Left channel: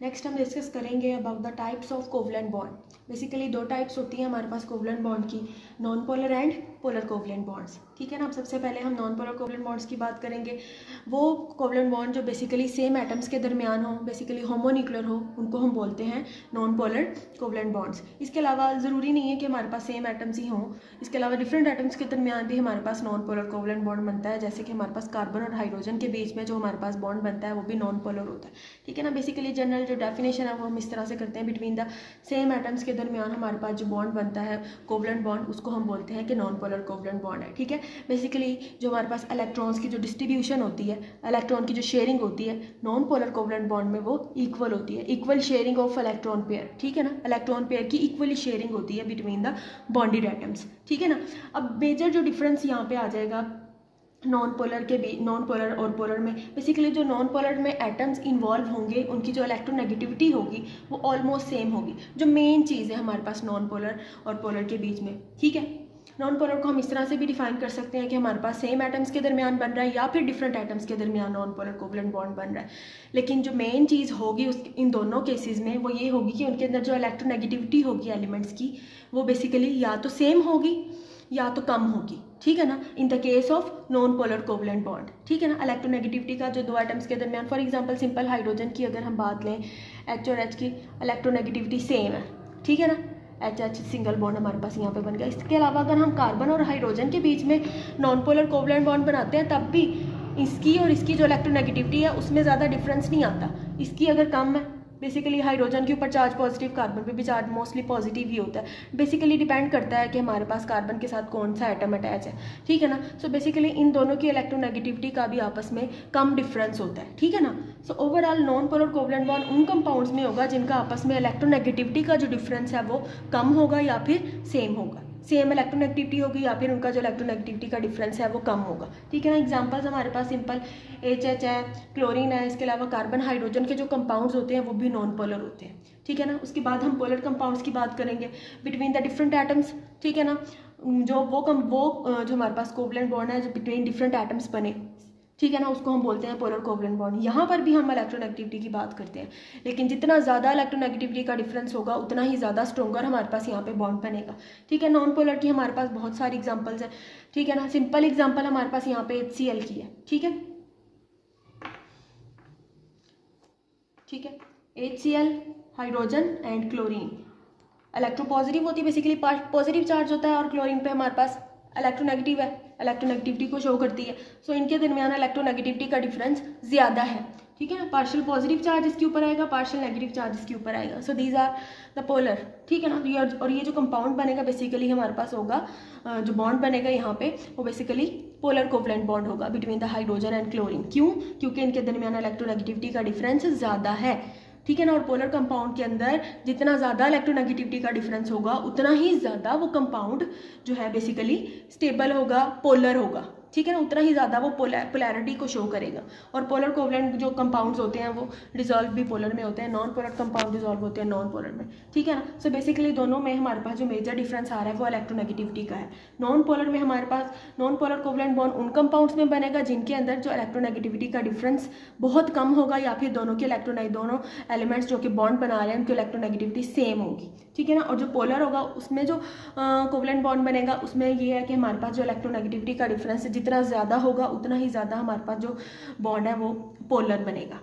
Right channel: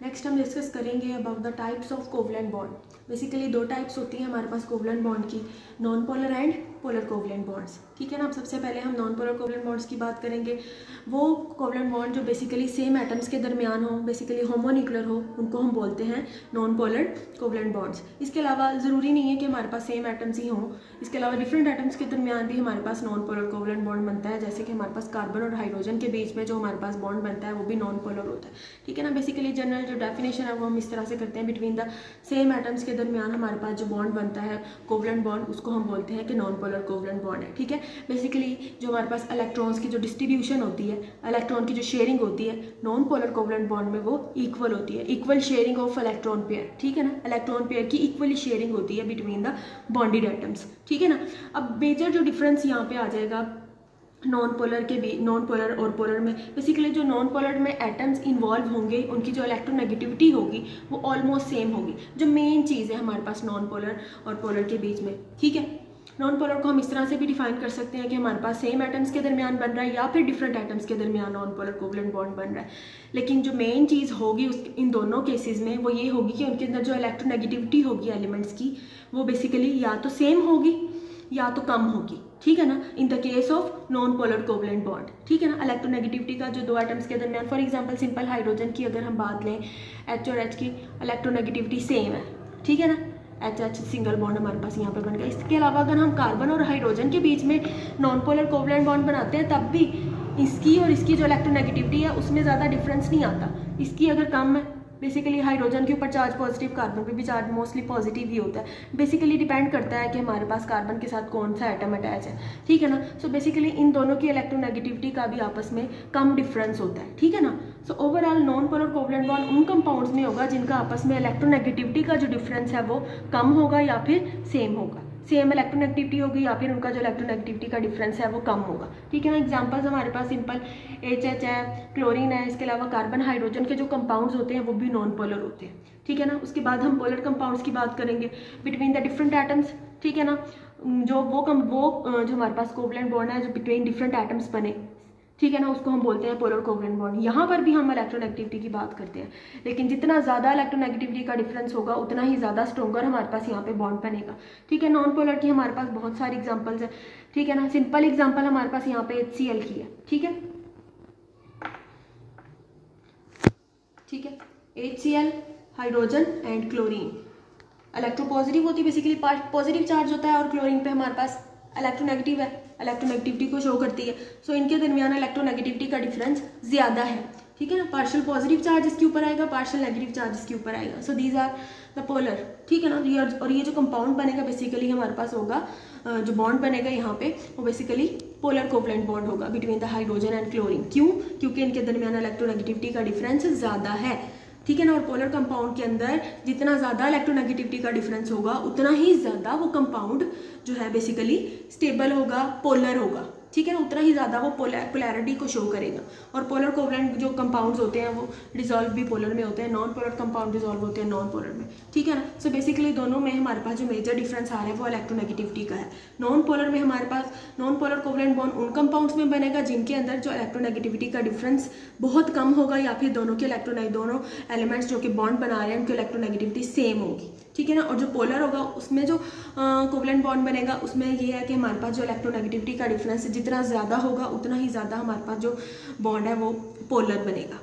Next हम discuss करेंगे about the types of covalent bond. Basically दो टाइप्स होती हैं हमारे पास कोवलेंट बॉन्ड की, non polar and polar covalent bonds. ठीक है ना। अब सबसे पहले हम नॉन पोलर कोवलेंट बॉन्ड्स की बात करेंगे। वो कोवलेंट बॉन्ड जो बेसिकली सेम एटम्स के दरमियान हो, बेसिकली होमोन्यूक्लियर हो, उनको हम बोलते हैं नॉन पोलर कोवलेंट बॉन्ड्स। इसके अलावा ज़रूरी नहीं है कि हमारे पास सेम एटम्स ही हों, इसके अलावा डिफरेंट एटम्स के दरमियान भी हमारे पास नॉन पोलर कोवलेंट बॉन्ड बनता है। जैसे कि हमारे पास कार्बन और हाइड्रोजन के बीच में जो हमारे पास बॉन्ड बनता है वो भी नॉन पोलर होता है। ठीक है ना। बेसिकली जनरल जो डेफिनेशन है वो हम इस तरह से करते हैं, बिटवीन द सेम एटम्स के दरमियान हमारे पास जो बॉन्ड बनता है कोवलेंट बॉन्ड, उसको हम बोलते हैं कि नॉन पोलर कोवलेंट बॉन्ड है। ठीक है। बेसिकली जो हमारे पास इलेक्ट्रॉन्स की जो डिस्ट्रीब्यूशन होती है, इलेक्ट्रॉन की जो शेयरिंग होती है नॉन पोलर कोवलेंट बॉन्ड में वो इक्वल होती है, equal sharing of electron pair. ठीक है ना। इलेक्ट्रॉन पेयर की इक्वली शेयरिंग होती है बिटवीन द बॉन्डेड एटम्स। ठीक है ना। अब मेजर जो डिफरेंस यहाँ पे आ जाएगा नॉन पोलर और पोलर में, बेसिकली जो नॉन पोलर में एटम्स इन्वॉल्व होंगे उनकी जो इलेक्ट्रोनेगेटिविटी होगी वो ऑलमोस्ट सेम होगी, जो मेन चीज़ है हमारे पास नॉन पोलर और पोलर के बीच में। ठीक है। नॉन पोलर को हम इस तरह से भी डिफाइन कर सकते हैं कि हमारे पास सेम एटम्स के दरमियान बन रहा है या फिर डिफरेंट एटम्स के दरमियान नॉन पोलर कोवलेंट बॉन्ड बन रहा है। लेकिन जो मेन चीज़ होगी इन दोनों केसेस में वो ये होगी कि उनके अंदर जो इलेक्ट्रोनेगेटिविटी होगी एलिमेंट्स की वो बेसिकली या तो सेम होगी या तो कम होगी। ठीक है ना। In the case of non polar covalent bond. ठीक है ना। इलेक्ट्रोनेगेटिविटी का जो दो एटम्स के दरमियान, फॉर एग्जांपल सिंपल हाइड्रोजन की अगर हम बात लें, H और H की इलेक्ट्रोनेगेटिविटी सेम है। ठीक है ना। H सिंगल बॉन्ड हमारे पास यहाँ पे बन गया। इसके अलावा अगर हम कार्बन और हाइड्रोजन के बीच में नॉन पोलर कोवलेंट बॉन्ड बनाते हैं तब भी इसकी और इसकी जो इलेक्ट्रोनेगेटिविटी है उसमें ज़्यादा डिफरेंस नहीं आता। इसकी अगर कम है, बेसिकली हाइड्रोजन के ऊपर चार्ज पॉजिटिव, कार्बन पे भी चार्ज मोस्टली पॉजिटिव ही होता है। बेसिकली डिपेंड करता है कि हमारे पास कार्बन के साथ कौन सा एटम अटैच है। ठीक है ना। सो बेसिकली इन दोनों की इलेक्ट्रोनेगेटिविटी का भी आपस में कम डिफरेंस होता है। ठीक है ना। So overall non polar covalent bond उन कंपाउंड्स में होगा जिनका आपस में इलेक्ट्रोनेगेटिविटी का जो डिफरेंस है वो कम होगा या फिर सेम होगा, सेम इलेक्ट्रोनेगेटिविटी होगी या फिर उनका जो इलेक्ट्रोनेगेटिविटी का डिफरेंस है वो कम होगा। ठीक है ना। एग्जांपल्स हमारे पास सिंपल HH है, क्लोरीन है, इसके अलावा कार्बन हाइड्रोजन के जो कंपाउंड्स होते हैं वो भी नॉन पोलर होते हैं। ठीक है ना। उसके बाद हम पोलर कंपाउंड्स की बात करेंगे बिटवीन द डिफरेंट एटम्स। ठीक है ना। जो हमारे पास कोवलेंट बॉन्ड है जो बिटवीन डिफरेंट एटम्स बने, ठीक है ना, उसको हम बोलते हैं पोलर कोवलेंट बॉन्ड। यहाँ पर भी हम इलेक्ट्रोनेगेटिविटी की बात करते हैं, लेकिन जितना ज़्यादा इलेक्ट्रोनेगेटिविटी का डिफरेंस होगा उतना ही ज़्यादा स्ट्रॉन्गर हमारे पास यहाँ पे बॉन्ड बनेगा। ठीक है। नॉन पोलर की हमारे पास बहुत सारी एग्जांपल्स है। ठीक है ना। सिंपल एग्जांपल हमारे पास यहाँ पे HCl की है। ठीक है। ठीक है। HCl, hydrogen and chlorine electropositive होती है, बेसिकली पॉजिटिव चार्ज होता है, और क्लोरीन पे हमारे पास इलेक्ट्रोनेगेटिव है, इलेक्ट्रोनेगेटिविटी को शो करती है। सो इनके दरमियान इलेक्ट्रोनेगेटिविटी का डिफरेंस ज़्यादा है। ठीक है ना। पार्शियल पॉजिटिव चार्ज इसके ऊपर आएगा, पार्शियल नेगेटिव चार्ज इसके ऊपर आएगा। So these are the polar. ठीक है ना। और ये जो कंपाउंड बनेगा बेसिकली हमारे पास होगा, जो बॉन्ड बनेगा यहाँ पे वो बेसिकली पोलर कोवलेंट बॉन्ड होगा between the hydrogen and chlorine. क्यों? क्योंकि इनके दरमियान इलेक्ट्रोनेगेटिविटी का डिफरेंस ज़्यादा है। ठीक है ना। और पोलर कंपाउंड के अंदर जितना ज़्यादा इलेक्ट्रोनेगेटिविटी का डिफरेंस होगा उतना ही ज़्यादा वो कंपाउंड जो है बेसिकली स्टेबल होगा, पोलर होगा। ठीक है ना। उतना ही ज़्यादा वो पोलैरिटी को शो करेगा। और पोलर कोवलेंट जो कंपाउंड्स होते हैं वो डिजॉल्व भी पोलर में होते हैं, नॉन पोलर कंपाउंड डिजॉल्व होते हैं नॉन पोलर में। ठीक है ना। सो बेसिकली दोनों में हमारे पास जो मेजर डिफरेंस आ रहा है वो इलेक्ट्रोनेगेटिविटी का है। नॉन पोलर में हमारे पास नॉन पोलर कोवलेंट बॉन्ड उन कंपाउंड्स में बनेगा जिनके अंदर जो इलेक्ट्रोनेगेटिविटी का डिफरेंस बहुत कम होगा, या फिर दोनों एलिमेंट्स जो कि बॉन्ड बना रहे हैं उनकी इलेक्ट्रोनेगेटिविटी सेम होगी। ठीक है ना। और जो पोलर होगा उसमें जो कोवलेंट बॉन्ड बनेगा उसमें ये है कि हमारे पास जो इलेक्ट्रोनेगेटिविटी का डिफरेंस जितना ज़्यादा होगा उतना ही ज़्यादा हमारे पास जो बॉन्ड है वो पोलर बनेगा।